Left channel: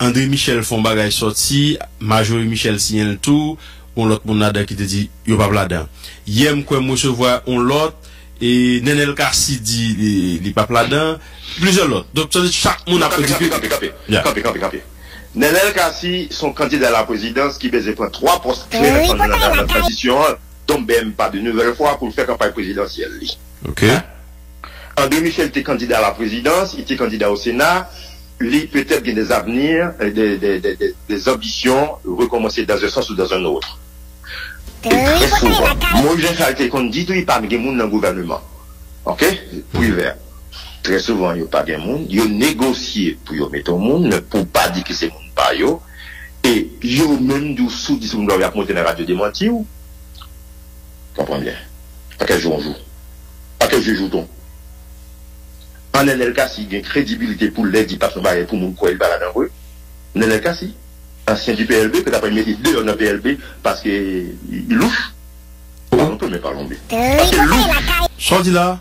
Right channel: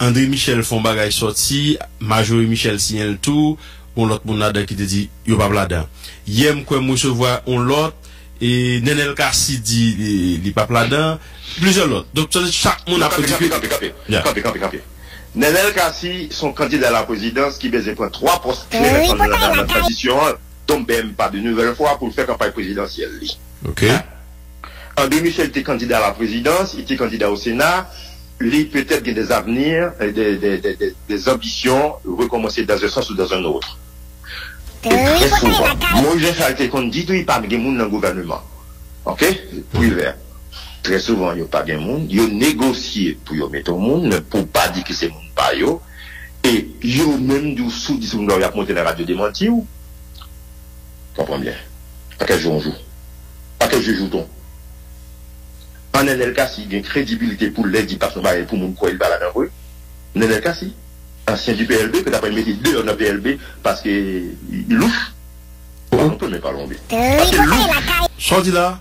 André Michel font bagay sorti, Majorie Michel signale tout, on l'autre moun là qui te dit yo pas là-dedans. Yem quoi moi recevoir on l'autre et Nenel Kassi dit li pas là-dedans, plusieurs l'autre. Donc chaque monde a Campé. Nenel Kassi son candidat à la présidence qui besoin prendre 3 postes clés dans la transition, tombe même pas de nouvelle fois pour faire campagne présidentielle. OK. André Michel était candidat à la présidence, il était candidat au Sénat. Lui, peut-être qu'il y a des avenirs, des ambitions, recommencer dans un sens ou dans un autre. Très souvent, moi, j'ai fait qu'on dit, il n'y a pas de monde dans le gouvernement. OK? Privé. Très souvent, il n'y a pas de monde. Il y a négocié pour y mettre au monde, pour pas dire que c'est monde pas yo. Et il y a même du sous, dit, on doit monter dans la radio démentir. Comprends bien. Pas quel jour on joue. Pas quel jeu joue-t-on. En Nenel Kassi, il y a une crédibilité pour l'aide parce que pour mon quoi il balade en rue. Nenel Kassi, ancien du PLB, que d'après mettre deux dans le PLB parce qu'il louche. On peut même pas l'omber. Sorti là.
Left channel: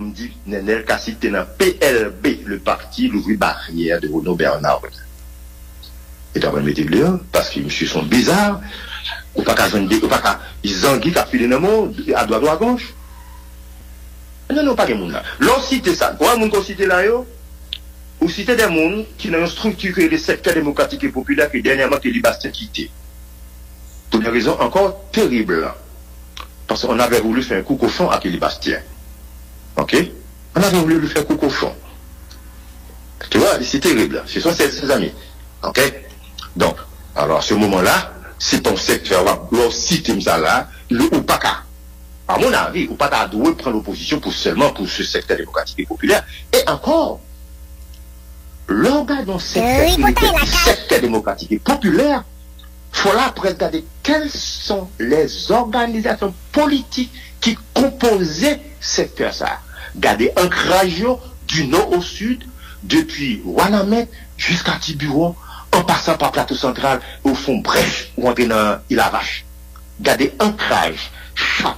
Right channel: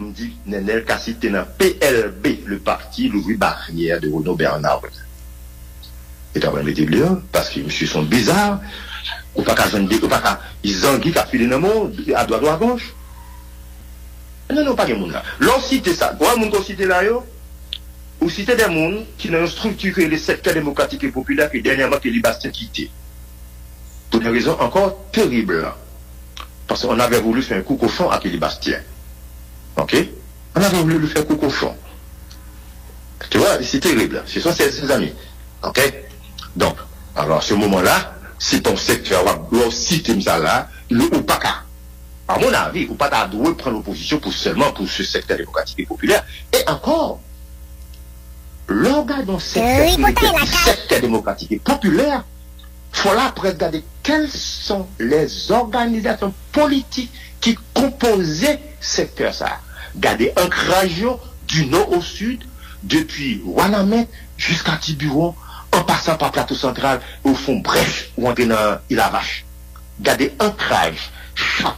On me dit, Nenel Kassi était dans PLB, le parti, l'ouvrier barrière de Renaud Bernard. Et d'après mettre deux, parce que monsieur sont bizarres, ou pas qu'à joindre, ou pas qu'à, ils anguillent qu'à filer dans le monde, à droite ou à gauche. Non, pas de monde là. L'on cite ça. Pourquoi moun qu'on cite là yo? Ou cite des gens qui n'ont structuré les secteurs démocratiques et populaires que dernièrement que Libastien quitté. Pour une raison encore terrible. Parce qu'on avait voulu faire un coup cochon à Libastien. OK? On avait voulu lui faire un coup cochon. Tu vois, c'est terrible. Ce sont ses amis. OK? Donc, alors à ce moment-là, si ton secteur, l'on cite ça là, ou pas qu'à. À mon avis, ou pas d'adouer prendre l'opposition pour seulement pour ce secteur démocratique et populaire. Et encore, l'organe dans ce secteur démocratique et populaire, il faut là après regarder quelles sont les organisations politiques qui composaient ce secteur ça. Garder un radio du nord au sud, depuis Wanamet jusqu'à Tiburon, en passant par Plateau Central, au fond Brèche, ou entrer dans Ilavache. Garder un crage, chaque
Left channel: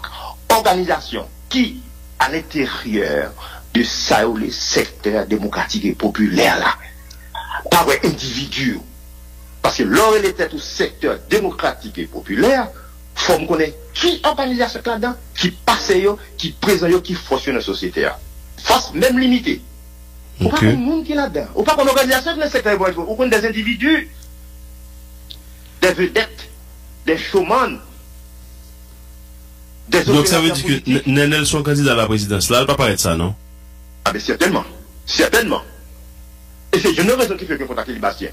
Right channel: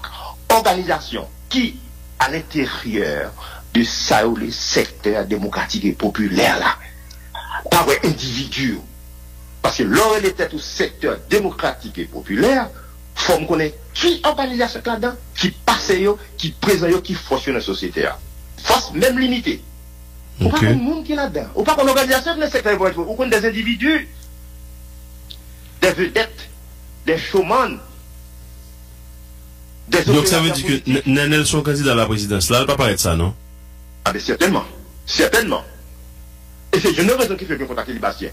organisation qui, à l'intérieur de ça ou les secteurs démocratiques et populaires là, par un individu. Parce que l'or il était au secteur démocratique et populaire, faut me connaître qui organisation là-dedans, qui passe yo, qui présente qui fonctionne dans la société. Force même limitée. Ou pas un monde qui est là-dedans. Ou pas une organisation dans le secteur démocratique, ou des individus, des vedettes, des showman. Donc ça veut dire que Nenel son candidat à la présidence là, il ne va pas paraître ça, non? Ah ben certainement. Certainement. Et c'est une raison qui fait que contacter les Bastien.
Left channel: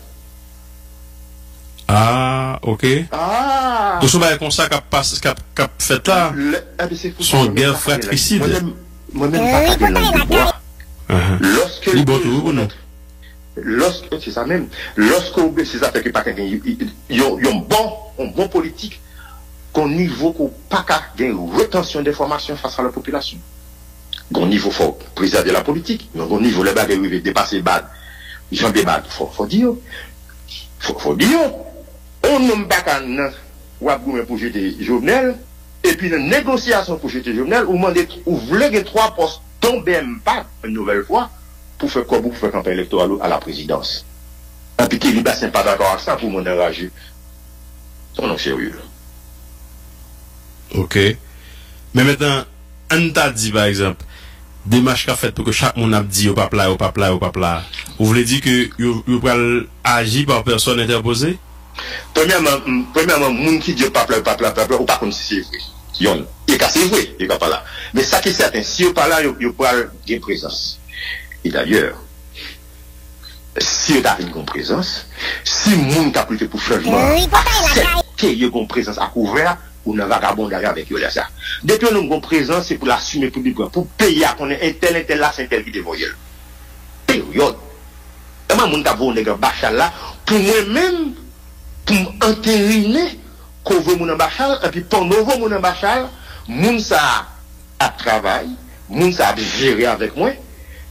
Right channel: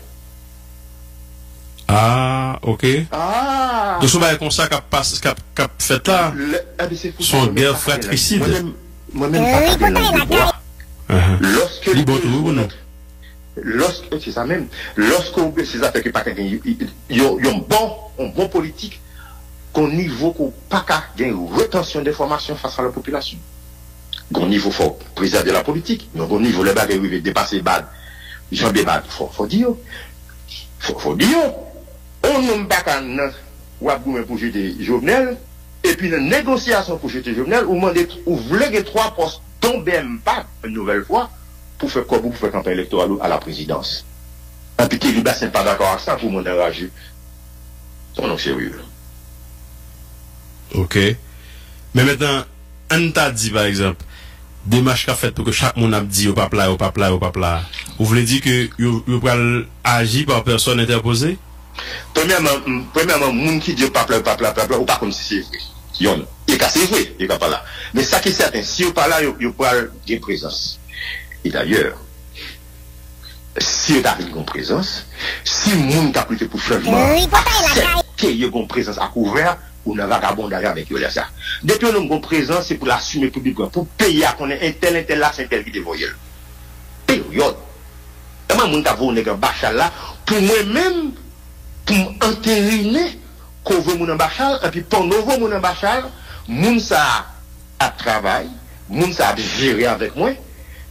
Ah, ok. Ah. Donc ça va être comme ça qu'a fait là. Son guerre fratricide. Moi-même, lorsque c'est ça même, lorsqu'on veut ces affaires que pas quelqu'un, il y a un bon politique, qu'au niveau qu'on pas qu'à une rétention d'informations face à la population. Au niveau faut préserver la politique, mais au niveau les bagages veulent dépasser bad. Jean Bébad, faut dire. Faut dire. On n'a pas qu'à pour jeter Jovenel, et puis une négociation pour jeter Jovenel, ou voulez que 3 postes tombent même pas une nouvelle fois, pour faire quoi, pour faire campagne électorale à la présidence. Et puis qu'il n'est pas d'accord avec ça pour mon enragé. C'est non sérieux. Ok. Mais maintenant, on t'a dit par exemple, démarche qu'a fait pour que chaque monde a dit au papa, au papa, au papa. Vous voulez dire que vous pouvez agir par personne interposée? Premièrement, monde qui dit papa, ou pas comme si c'est vrai. Il est cassé vrai, il n'est pas là. Mais ça qui est certain, si vous parlez là, il peut avoir une présence. Et d'ailleurs, si vous avez une présence, si le monde a plutôt pour changement, c'est qu'il y a une présence à couvert, ou n'a vagabond derrière avec eux ça. Depuis que nous avons une présence, c'est pour l'assumer publiquement, pour payer à qu'on ait un tel là, c'est un tel qui dévoile. Période. Comment mon tavo n'est qu'un bachal là, pour moi-même, pour m'entériner, qu'on veut mon bachal, et puis pendant que mon bachal, mon ça a travail, mon ça a géré avec moi,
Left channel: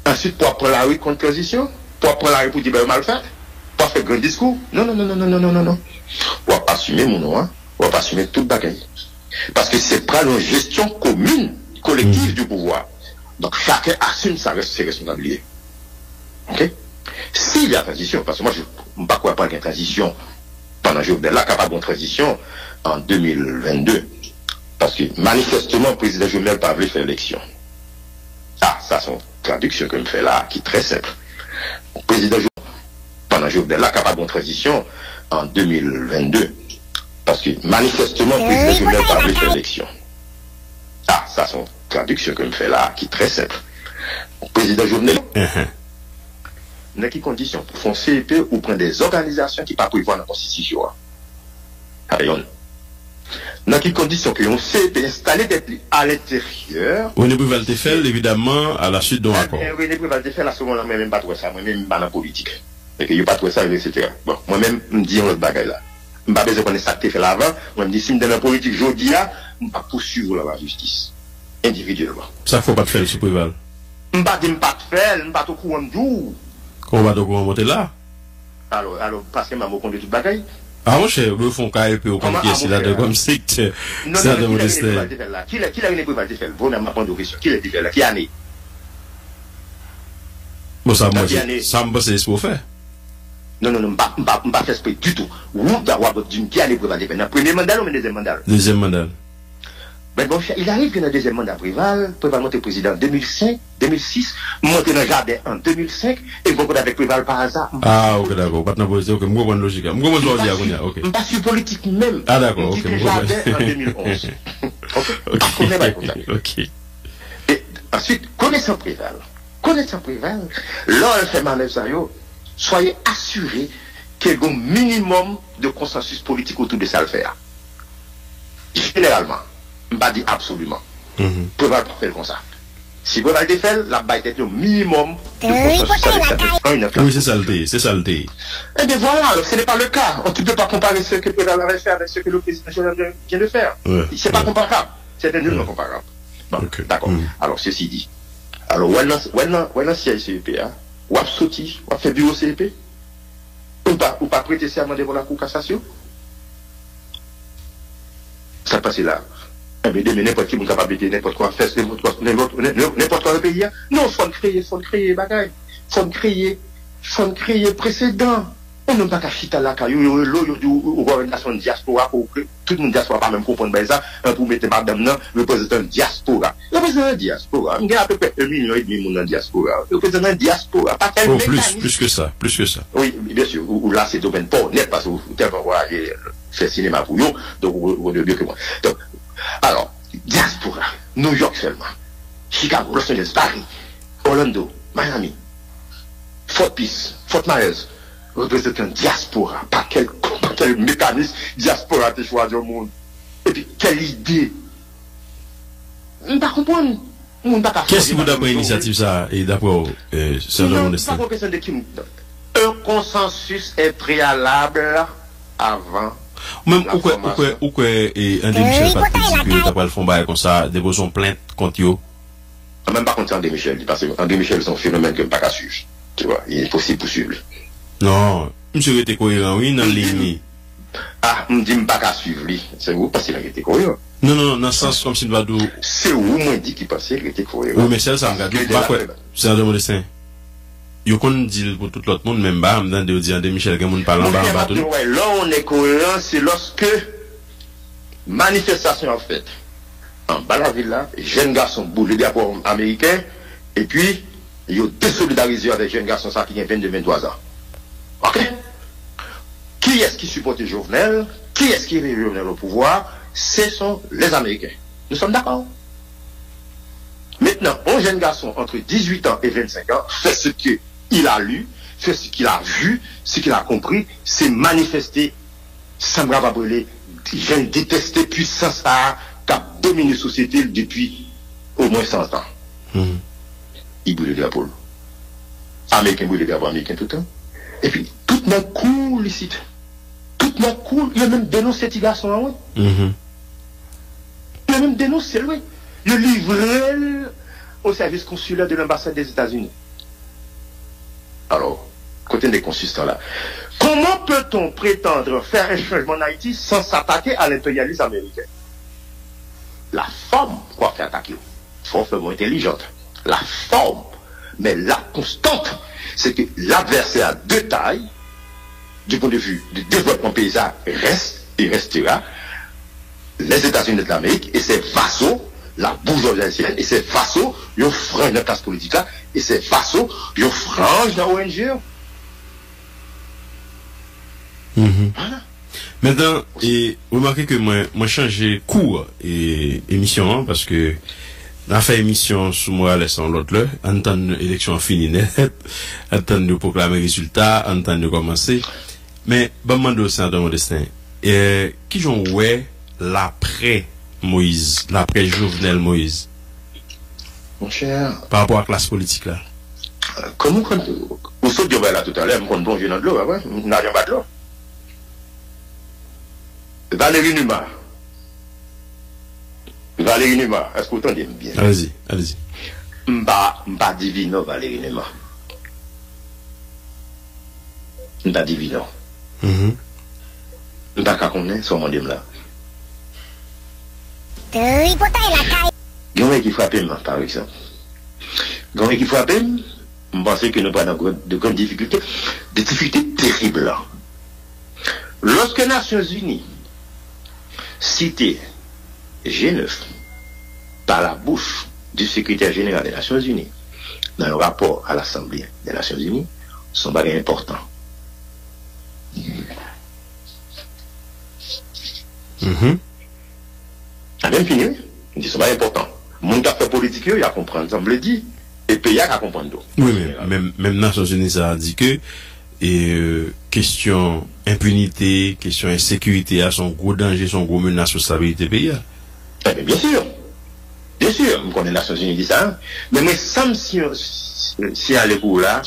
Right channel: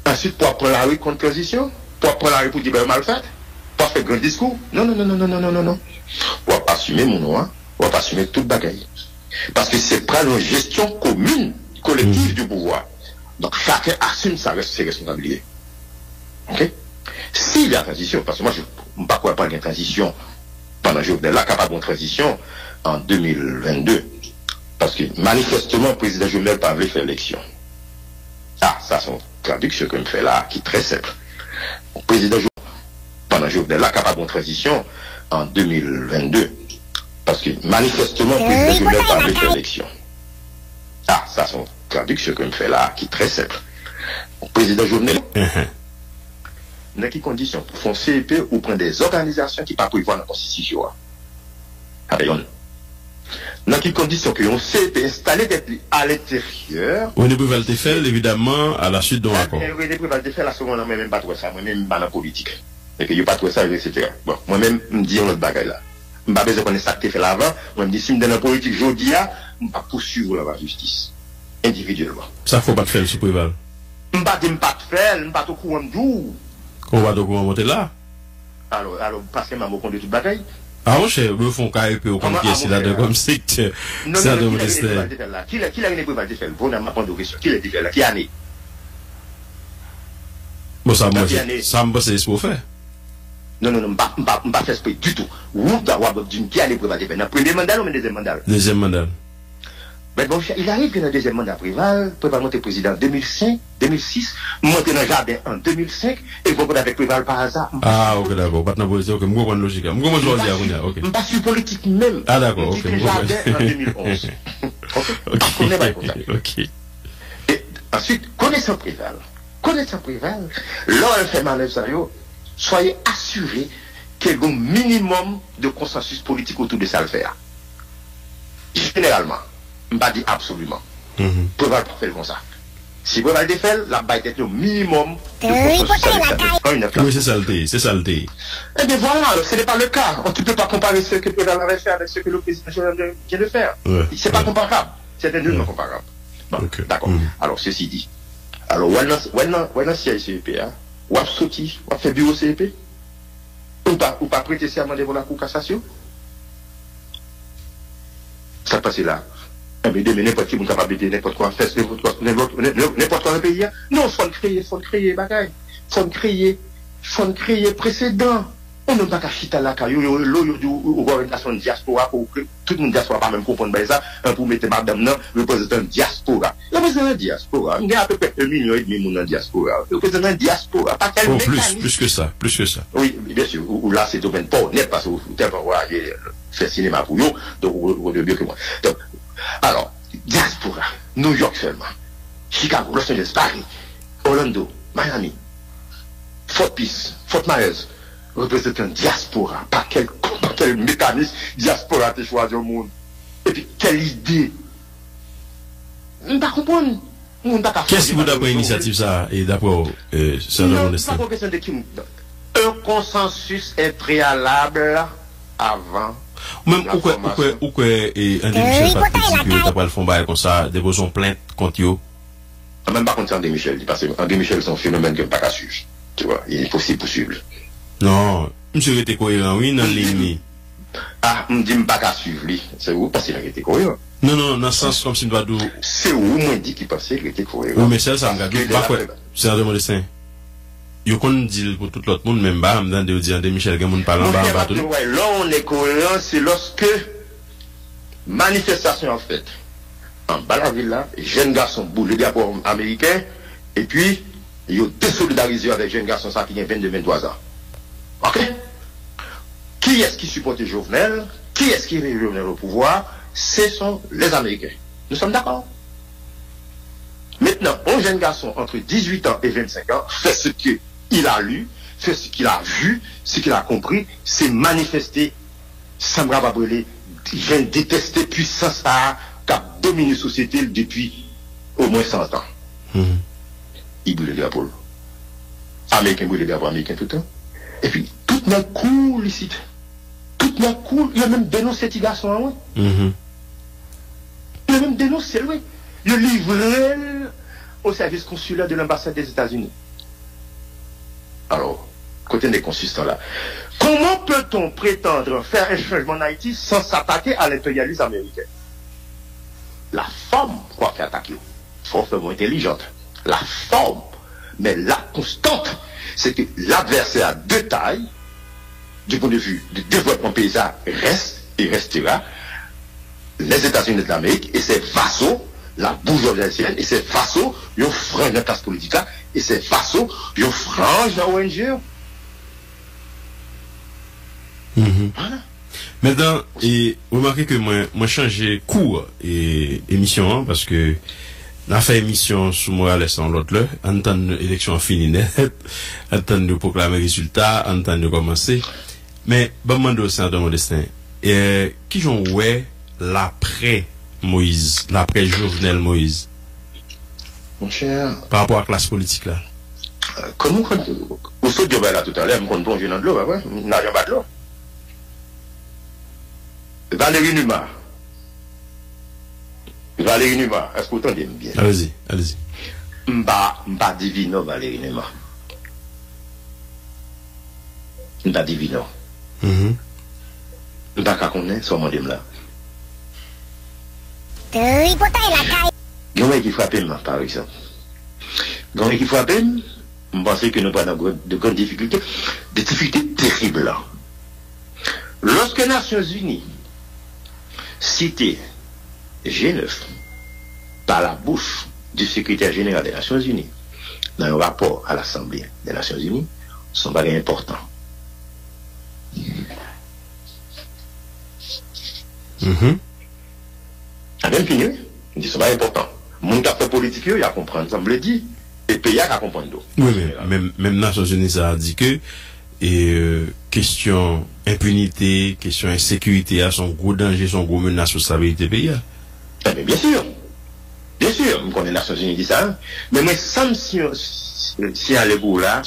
ensuite pour prendre la rue contre position, pour prendre la rue pour dire mal fait, pour faire grand discours. Non. On va pas assumer mon nom, hein. On va pas assumer tout le bagaille. Parce que c'est pas une gestion commune, collective du pouvoir. Donc chacun assume ses responsabilités. Ok? S'il y a transition, parce que moi, je ne sais pas quoi parler de transition pendant Jovenel là, capable de transition en 2022. Parce que manifestement, le président Jovenel n'a pas voulu faire l'élection. Ah, ça, c'est une traduction que je fais là, qui est très simple. Le président Jovenel, pendant Jovenel là, capable de transition en 2022. Parce que manifestement, le président Jovenel n'a pas voulu faire l'élection. Ah, ça, c'est une traduction que je fais là, qui est très simple. Le président Jovenel, dans quelles conditions pour faire CEP ou prendre des organisations qui ne pas prévoir dans la Constitution. Dans quelles conditions que un CEP installé à l'intérieur. René Préval te fait, évidemment, à la suite d'un accord. René Préval te fait, la seconde, moi même pas trouvé ça, moi même pas dans la politique. Et que je pas trouvé ça, etc. Bon, moi-même, je me dis un autre bagage là. Je ne pas besoin de connaître ça que tu fait l'avant. Moi, je me dis, si je me donne la politique, je dis, je ne pas poursuivre la justice. Individuellement. Ça, il ne faut pas te faire, M. Préval. Je ne pas de faire, je ne pas te courant de jour. Comment va donc monter là? Alors, parce que je m'ai conduit tout bagaille. Ah, mon cher, le fond KEP ou comme qui est là, comme secteur. C'est de modesteur. Qui l'a René Préval de faire? Vous n'avez pas répondu aux questions. Qui l'a fait là? Qui a né? Bon, ça, moi, ça me passe pour faire. Non, je ne pas faire esprit du tout. Vous, d'avoir d'une qui a René Préval de faire? Dans le premier mandat ou dans le deuxième mandat? Deuxième mandat. Mais bon, il arrive que dans le deuxième mandat Préval monté président en 2005, 2006, monté dans le jardin en 2005, et vous avec Préval par hasard. Ah, ok, d'accord. Pas de position, ok. Moi, je logique. Moi, je logique, ok. Je ne pas sur politique même. Ah, d'accord, ok. Le jardin en 2011. Ok. Et ensuite, connaissant Préval, lorsqu'elle fait manœuvre ça, soyez assurés qu'il y a un minimum de consensus politique autour de ça le faire. Généralement. Je ne pas dire absolument. Préval pour faire comme ça. Si Préval de fait, la baille est au minimum. Oui, c'est saleté, c'est saleté. Eh bien voilà, ce n'est pas le cas. On ne peut pas comparer ce que Préval avait fait avec ce que le président vient de faire. Ce n'est pas comparable. C'est nullement comparable. Bon, okay. D'accord. Alors, ceci dit. Alors, où est-ce CICEP, ou a sauté, ou a fait bureau CEP, ou pas prêter serment devant la Cour cassation. Ça passe là. Mais n'importe qui est capable de n'importe quoi faire, n'importe quoi pays. Non, il faut créer bagaille. Il faut créer précédent. On n'a pas qu'à chiter là, ou voir une nation diaspora, pour que tout le monde diaspora pas même comprendre ça, pour mettre madame là, le président diaspora. Le président diaspora, il y a à peu près 1,5 million de monde dans diaspora. Le président diaspora, pas quel mécanisme. Plus que ça. Oui, bien sûr, ou là c'est open pour net, parce que vous tellement faire cinéma pour vous, donc vous devez mieux que moi. Donc, alors, diaspora, New York seulement, Chicago, Los Angeles, Paris, Orlando, Miami, Fort Pierce, Fort Myers, représentant diaspora, pas quel mécanisme diaspora te choisi au monde. Et puis, quelle idée. Je ne comprends pas. Qu'est-ce qui vous donne l'initiative ça, et d'abord, ça demande ça? Un consensus est préalable avant. Même ou que André Michel participe d'après le fond comme ça, déposons plainte contre eux. Même pas contre André Michel, parce que André Michel c'est un phénomène que je ne peux pas suivre. Tu vois, il est possible poursuivre. Non, monsieur était cohérent, oui, dans l'ennemi. Ah, je ne dis pas qu'à suivre lui. C'est où parce qu'il a été cohérent. Non, dans le sens comme si nous avons. C'est où moi dit qu'il pensait qu'il était cohérent. Oui, mais c'est ça, regarde. C'est un dessin. Yo qu'on dit pour tout l'autre monde, même bas, m'dan de dire André Michel, quelqu'un parle en bas, tout. Là, on est cohérent, c'est lorsque manifestation en fait. En bas la ville là, jeunes garçons boule le drapeau américain, et puis, ils ont désolidarisé avec jeunes garçons ça qui ont 22-23 ans. Ok? Qui est-ce qui supporte Jovenel? Qui est-ce qui est Jovenel au pouvoir? Ce sont les Américains. Nous sommes d'accord? Maintenant, un jeune garçon entre 18 ans et 25 ans fait ce qu'il a lu, fait ce qu'il a vu, ce qu'il a compris, c'est manifester, sans me brûler, j'ai détesté puissance qui a dominé la société depuis au moins 100 ans. Il brûle le drapeau. Américain brûle le drapeau américain tout le temps. Et puis, tout le monde cool ici. Tout le monde cool. Il a même dénoncé ce garçon. Il a même dénoncé, oui. Il a livré au service consulaire de l'ambassade des États-Unis. Alors, côté des consultants là, comment peut-on prétendre faire un changement en Haïti sans s'attaquer à l'impérialisme américain? La forme, quoi faire attaquer, forme intelligente. La forme, mais la constante, c'est que l'adversaire de taille, du point de vue du développement paysan, reste et restera les États-Unis d'Amérique et ses vassaux, la bourgeoisie haïtienne, et ses vassaux, ils ont frange la classe politique là, et ses vassaux, ils ont frange la ONG. Voilà. Maintenant, remarquez que moi changé cours et émission, hein, parce que on a fait émission sous Morales en l'autre là, en temps d'élection finie net, en temps de proclamer résultat, en temps de commencer. Mais, bon, mando, sénateur Modestin, qui j'en ouais l'après Moïse, l'après Jovenel Moïse? Mon cher. Par rapport à la classe politique là. Comment, vous sautez là tout à l'heure, on plonge dans de l'eau, ouais, on n'a rien pas de l'eau. Valérie Numa, est-ce que vous entendez bien? Allez-y, allez-y. M'ba divino Valérie Numa. M'ba divino. M'ba ka konnen son rendez là. Gagné qui frappe par exemple. Gagné qui frappe, je pense que nous avons de grandes difficultés, des difficultés terribles. Lorsque les Nations Unies cité G9 par la bouche du secrétaire général des Nations Unies dans un rapport à l'Assemblée des Nations Unies, sont pas importants. A même fini, ils ne sont pas importants. Mon qui a fait politique, il a compris, ça me le dit, et le pays a compris. Oui, mais même Nations Unies ça a dit que question impunité, question insécurité a son gros danger, son gros menace sur la stabilité pays. Bien sûr, on connaît les Nations Unies dit ça, mais ça si à l'époque là,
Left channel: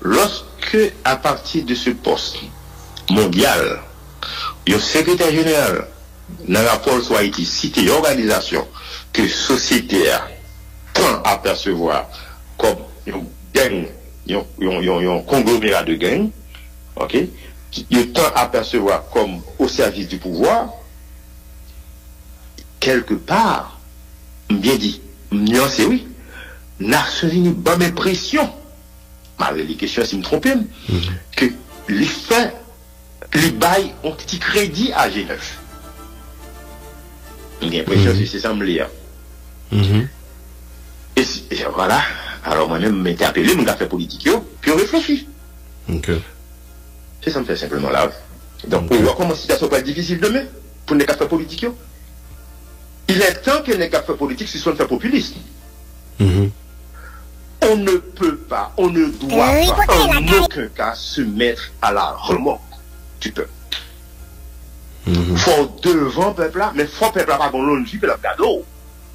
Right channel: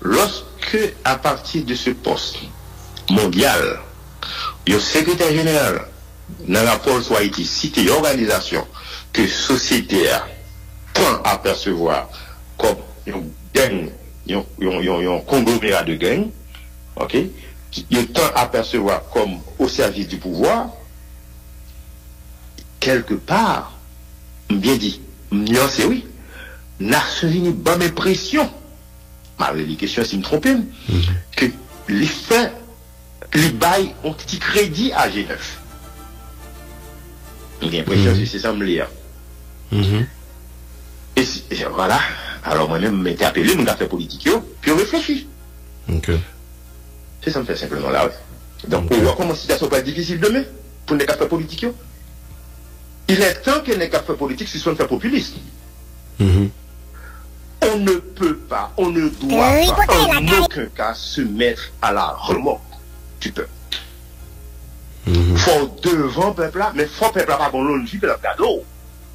lorsque à partir de ce poste mondial, le secrétaire général dans le rapport soit été cité organisation que société prend à percevoir comme une gang, un conglomérat de gang, ok, il tend à percevoir comme au service du pouvoir, quelque part, bien dit, c'est oui, Nations Unies, bonne impression, malgré les questions si je me trompe, que les faits, les bails ont petit crédit à G9. J'ai l'impression que c'est ça me lire. Et voilà, alors moi-même, je m'étais appelé, mon affaire politique, puis on réfléchit. C'est ça me fait simplement là. Donc, on voit comment la situation va être difficile demain pour les affaires politiques. Il est temps que les affaires politiques se soient fait populistes. On ne peut pas, on ne doit pas en aucun cas se mettre à la remorque du peuple. Faut devant le peuple là, mais faut peuple là pas bon l'on vie le cadeau.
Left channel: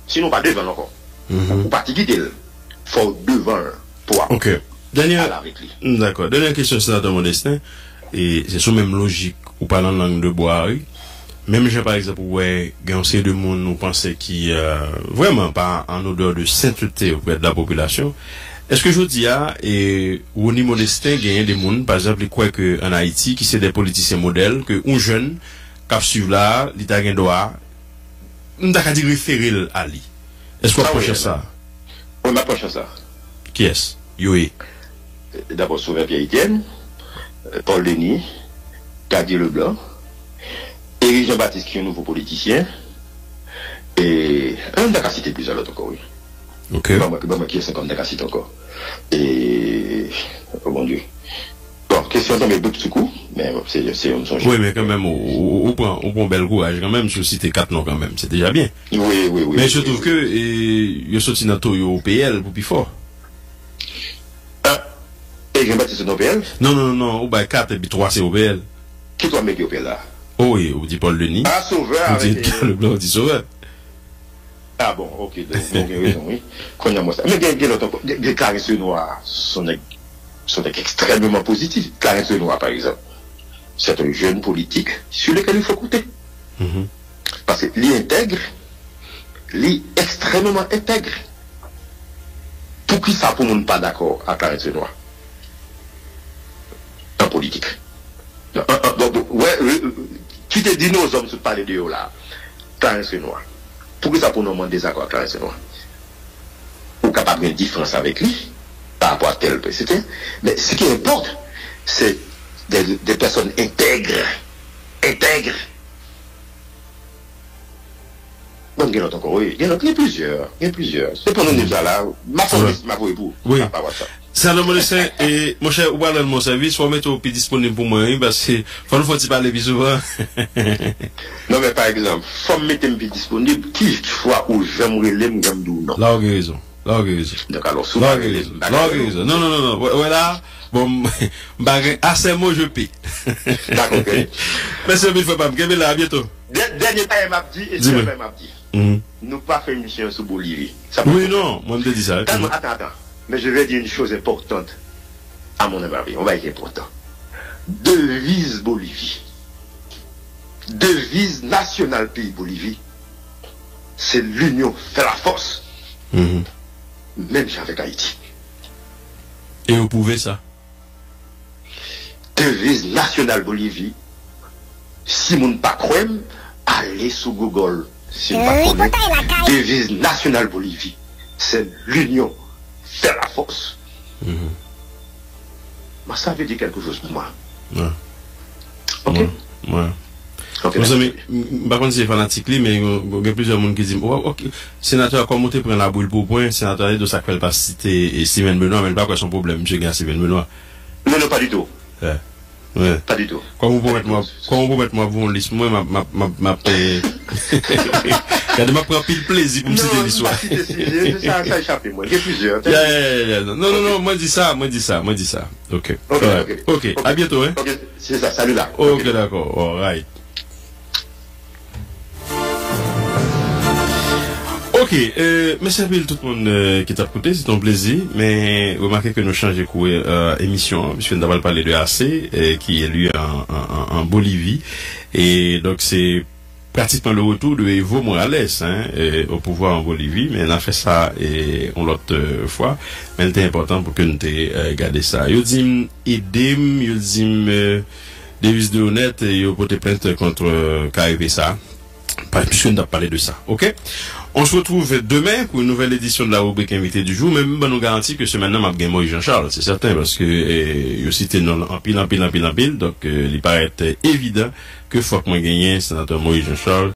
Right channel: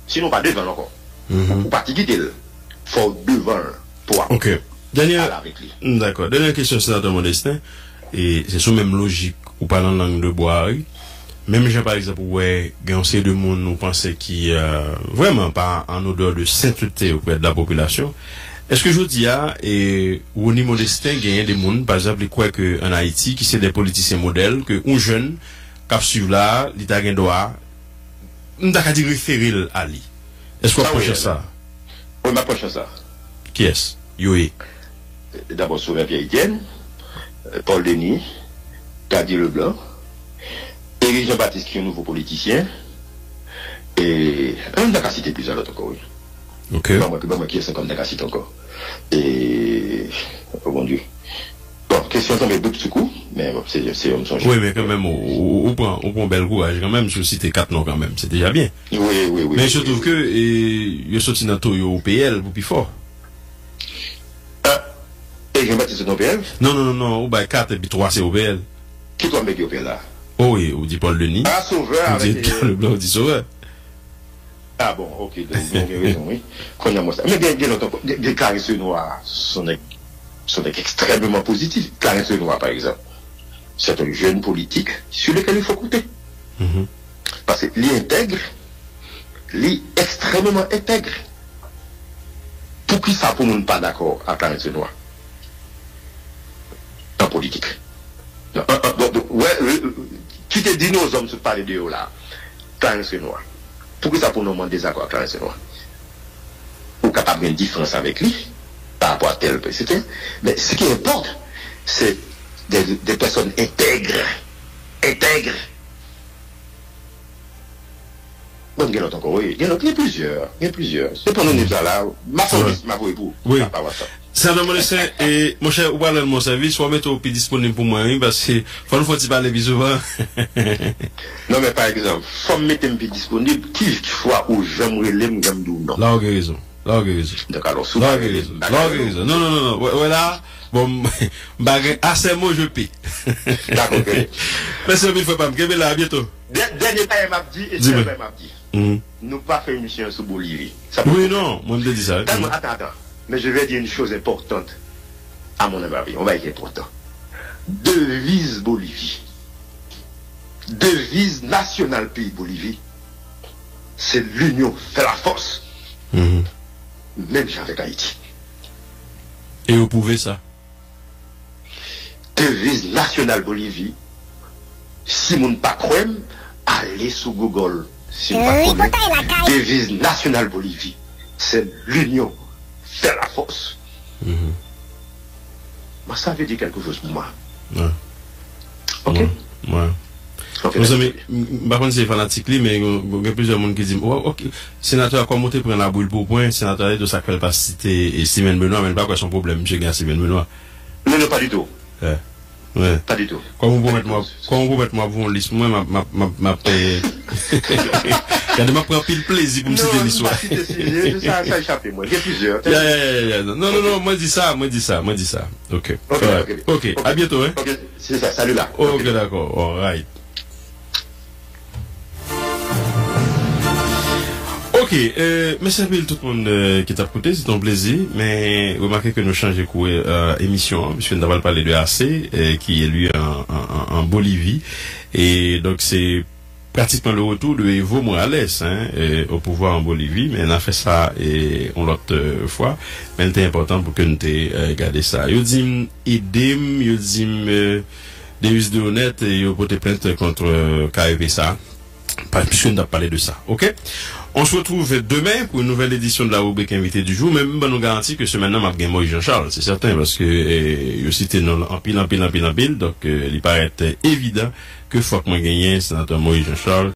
Sinon pas devant encore. Ou pas quitter le. Faut devant pour. OK. Dernière question sénateur Modestin et c'est sous même logique ou parlant langue de bois. Même j'ai par exemple ouais, gansé de monde nous pensait qui vraiment pas en odeur de sainteté auprès de la population. Est-ce que je dis et Rony Modestin gagne des monde par exemple quoi que en Haïti qui c'est des politiciens modèles que un jeune qui suivent là, l'état gagne droit on t'a dit référer à lui. Est-ce qu'on approche ça? On approche ça. Qui est-ce? Yoé. D'abord Sauveur Pierre-Étienne, Paul Denis, Gadier Leblanc, Éric Jean-Baptiste qui est un nouveau politicien, et un d'accord cité plusieurs autres encore, oui. Ok. Moi qui est 50 d'accord cité encore. Et, oh mon Dieu. Bon, question tombée beaucoup de coup, mais bon, c'est un songe. Oui, mais quand même, on prend bel courage, quand même, je cite 4 noms quand même, c'est déjà bien. Oui. Mais je trouve que, il y a sorti dans au PL, pour plus fort. Et Jean-Baptiste au PL? Non, au bail 4 et puis 3 c'est au PL. Qui doit mettre au PL là? Oh oui, on dit Paul Denis. Ah, Sauveur avec... Le blanc dit Sauveur. Ah bon, ok, donc, oui. Mais bien longtemps, les Clarence Noir sont extrêmement positifs. Clarence Noir, par exemple, c'est un jeune politique sur lequel il faut compter. Parce qu'il est intègre, il est extrêmement intègre. Pour qui ça, pour ne pas d'accord à Clarence Noir? En politique. Tu te dis nos hommes se parler de eux là, Clarence Noir. Pourquoi ça pour nous en désaccord avec Clarence Noir? Ou capable d'une différence avec lui, par rapport à tel PCT. Mais ce qui importe, c'est des personnes intègres. Intègres. Bon, il y en a encore, oui. Il y en a plusieurs. Il y en a plusieurs. C'est pour nous, nous là. Ma famille, ma époux. Oui. Ça non, et mon cher, ou alors mon service, soit mettre au pied disponible pour moi, parce que faut nous parler souvent. Non, mais par exemple, faut mettre un pied disponible, qui fois où j'aimerais l'aimer, j'aime d'où, non. Là, raison. Là, raison. Donc, alors, souvent, raison. Non. Voilà. Bon, assez mots, je paie. D'accord, ok. Mais c'est il faut pas me gagner là, à bientôt. Dernier temps, il m'a dit, et c'est vrai, il m'a dit. Nous pas fait une mission sur Bolivie. Oui, non, moi, je me dis ça. Attends. Mais je vais dire une chose importante, à mon avis, on va être important. Devise Bolivie, devise nationale pays Bolivie, c'est l'union fait la force. Même avec Haïti. Et vous pouvez ça? Devise nationale Bolivie, si vous ne pas croyez, allez sur Google. Si vous pas devise nationale Bolivie, c'est l'union fait la force. Moi, ça veut dire quelque chose pour moi. Ouais. Ok? Ouais. Vous savez, par contre, c'est fanatique, mais il y a plusieurs monde qui disent, oh, ok, sénateur, comment tu prends la boule pour point, sénateur, de ça qu'elle pas citer Steven Benoît, mais pas quoi son problème, monsieur Gars Steven Benoît. Non, pas du tout. Ouais. Pas du tout. Comment vous mettre moi pour une liste, moi, ma regardez, ma prend pile plaisir pour me citer l'histoire. Ça échappe, moi. Il y a plusieurs. Non, moi, dis ça. Ok. Ok. À bientôt, hein. Ok, c'est ça, salut là. Ok, d'accord. All right. Ok, merci à tout le monde qui t'a écouté, c'est un plaisir, mais remarquez que nous changeons de émission, hein, puisque nous avons parlé de AC, qui est lui en Bolivie, et donc c'est pratiquement le retour de Evo Morales au pouvoir en Bolivie, mais on a fait ça on l'autre fois, mais c'était important pour que nous gardé ça. Yo dit idem, yo dit Davis de honnête, et yo porté plainte contre KFSA, puisque nous avons parlé de ça, ok? On se retrouve demain pour une nouvelle édition de la rubrique invité du jour. Même nous garantit que ce maintenant m'a gagné Moïse Jean-Charles, c'est certain, parce que je cite en pile. Donc, il paraît évident que faut que moi gagne sénateur Moïse Jean-Charles